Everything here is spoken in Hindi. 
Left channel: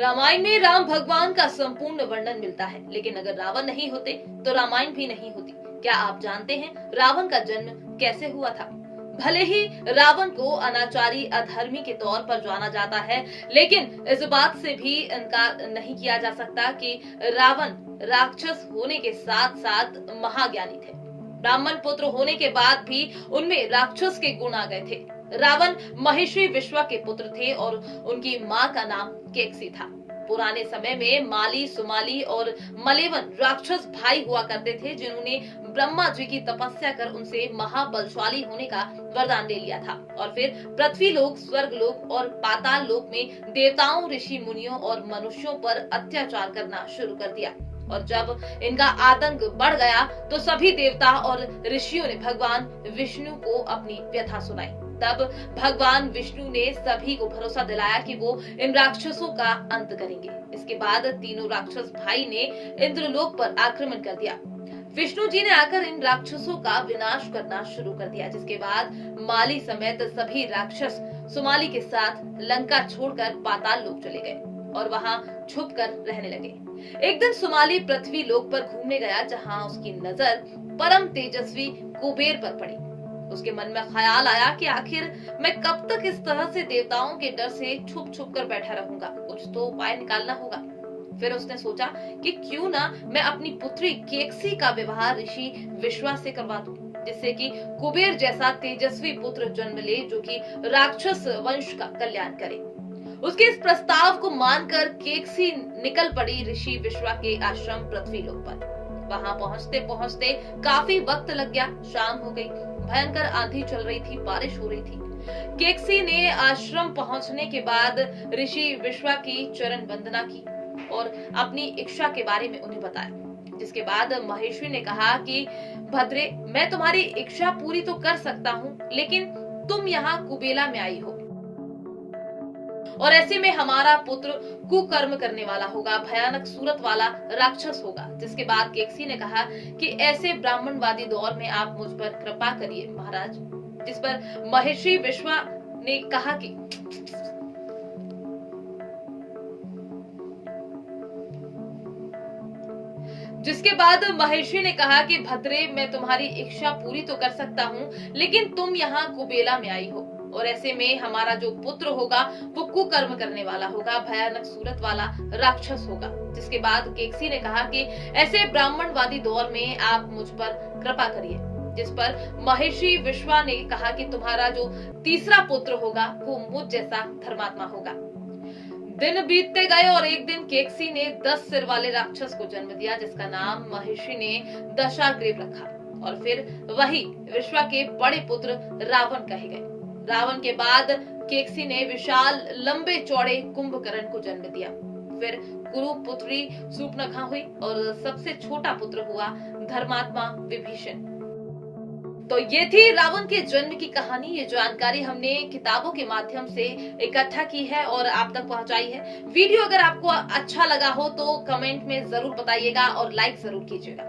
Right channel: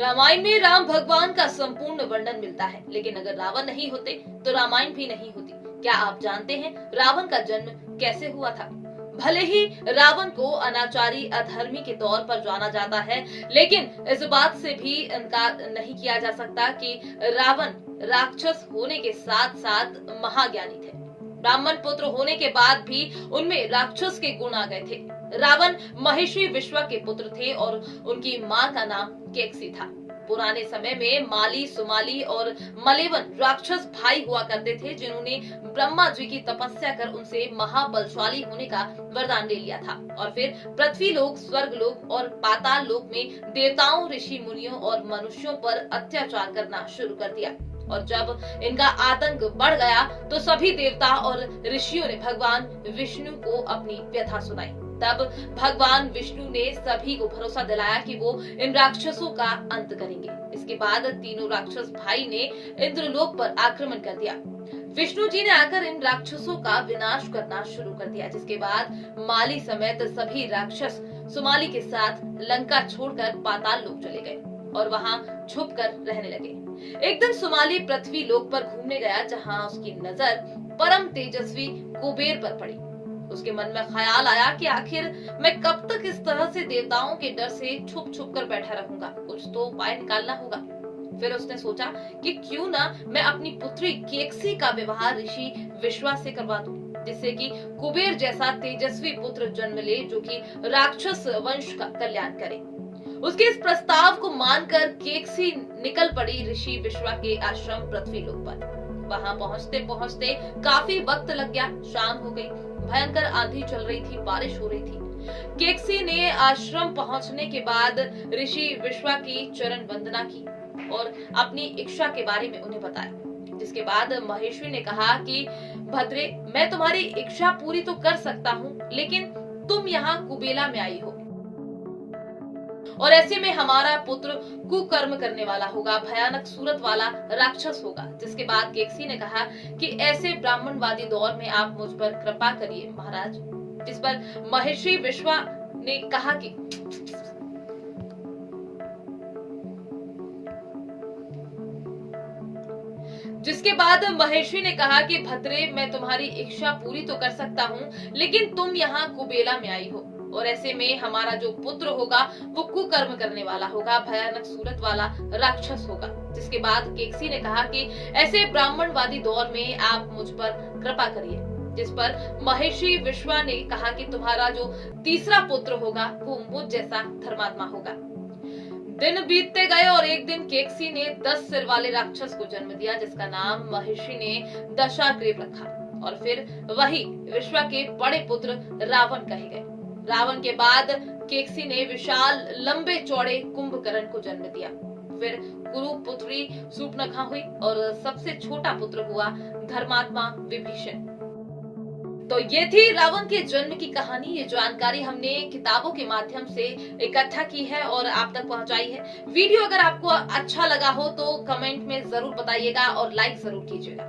रामायण में राम भगवान का संपूर्ण वर्णन मिलता है, लेकिन अगर रावण नहीं होते तो रामायण भी नहीं होती। क्या आप जानते हैं रावण का जन्म कैसे हुआ था? भले ही रावण को अनाचारी अधर्मी के तौर पर जाना जाता है, लेकिन इस बात से भी इनकार नहीं किया जा सकता कि रावण राक्षस होने के साथ साथ महाज्ञानी थे। ब्राह्मण पुत्र होने के बाद भी उनमें राक्षस के गुण आ गए थे। रावण महिषी विश्वा के पुत्र थे और उनकी मां का नाम केकसी था। पुराने समय में माली, सुमाली और मलेवन राक्षस भाई हुआ करते थे, जिन्होंने ब्रह्मा जी की तपस्या कर उनसे महाबलशाली होने का वरदान ले लिया था और फिर पृथ्वी लोक, स्वर्ग लोक और पाताल लोक में देवताओं, ऋषि मुनियों और मनुष्यों पर अत्याचार करना शुरू कर दिया। और जब इनका आतंक बढ़ गया तो सभी देवता और ऋषियों ने भगवान विष्णु को अपनी व्यथा सुनाई। तब भगवान विष्णु ने सभी को भरोसा दिलाया कि वो इन राक्षसों का अंत करेंगे। इसके बाद तीनों राक्षस भाई ने इंद्रलोक पर आक्रमण कर दिया। विष्णु जी ने आकर इन राक्षसों का विनाश करना शुरू कर दिया, जिसके बाद माली समेत सभी राक्षस सुमाली के साथ लंका छोड़कर पाताल लोक चले गए और वहां छुप कर रहने लगे। एक दिन सुमाली पृथ्वी लोक पर घूमने गया, जहां उसकी नजर परम तेजस्वी कुबेर पर पड़ी। उसके मन में ख्याल आया कि आखिर मैं कब तक इस तरह से देवताओं के डर से छुप छुप कर बैठा रहूंगा, कुछ तो उपाय निकालना होगा। फिर उसने सोचा कि क्यों ना मैं अपनी पुत्री केकसी का विवाह ऋषि विश्वा से करवा दूं, जिससे कि कुबेर जैसा तेजस्वी पुत्र जन्म ले, जो कि राक्षस वंश का कल्याण करे। उसके इस प्रस्ताव को मानकर केकसी निकल पड़ी ऋषि विश्वा के आश्रम पृथ्वी लोक पर। वहां पहुंचते पहुंचते काफी वक्त लग गया। शाम हो गई, भयंकर आंधी चल रही थी, बारिश हो रही थी। केकसी ने आश्रम पहुंचने के बाद ऋषि विश्वा की चरण वंदना की और अपनी इच्छा के बारे में उन्हें बताया। जिसके बाद महेश्वरी ने कहा कि भद्रे, मैं तुम्हारी इच्छा पूरी तो कर सकता हूँ, लेकिन तुम यहाँ कुबेला में आई हो और ऐसे में हमारा पुत्र कुकर्म करने वाला होगा, भयानक सूरत वाला राक्षस होगा। जिसके बाद केकसी ने कहा कि ऐसे ब्राह्मणवादी दौर में आप मुझ पर कृपा करिए महाराज। जिस पर महर्षि विश्वा ने कहा कि जिसके बाद महर्षि ने कहा कि भद्रे, मैं तुम्हारी इच्छा पूरी तो कर सकता हूँ, लेकिन तुम यहाँ कुबेला में आई हो और ऐसे में हमारा जो पुत्र होगा वो कुकर्म करने वाला होगा, भयानक सूरत वाला राक्षस होगा। जिसके बाद केकसी ने कहा कि ऐसे ब्राह्मणवादी दौर में आप मुझ पर कृपा करिए। जिस पर महर्षि विश्वा ने कहा कि तुम्हारा जो तीसरा पुत्र होगा वो मुझ जैसा धर्मात्मा होगा। दिन बीतते गए और एक दिन केकसी ने 10 सिर वाले राक्षस को जन्म दिया, जिसका नाम महर्षि ने दशाग्रीव रखा और फिर वही विश्वा के बड़े पुत्र रावण कहे गए। रावण के बाद केकसी ने विशाल लंबे चौड़े कुंभकर्ण को जन्म दिया। फिर कुरु पुत्री सूर्पनखा हुई और सबसे छोटा पुत्र हुआ धर्मात्मा विभीषण। तो ये थी रावण के जन्म की कहानी। ये जानकारी हमने किताबों के माध्यम से इकट्ठा की है और आप तक पहुंचाई है। वीडियो अगर आपको अच्छा लगा हो तो कमेंट में जरूर बताइएगा और लाइक जरूर कीजिएगा।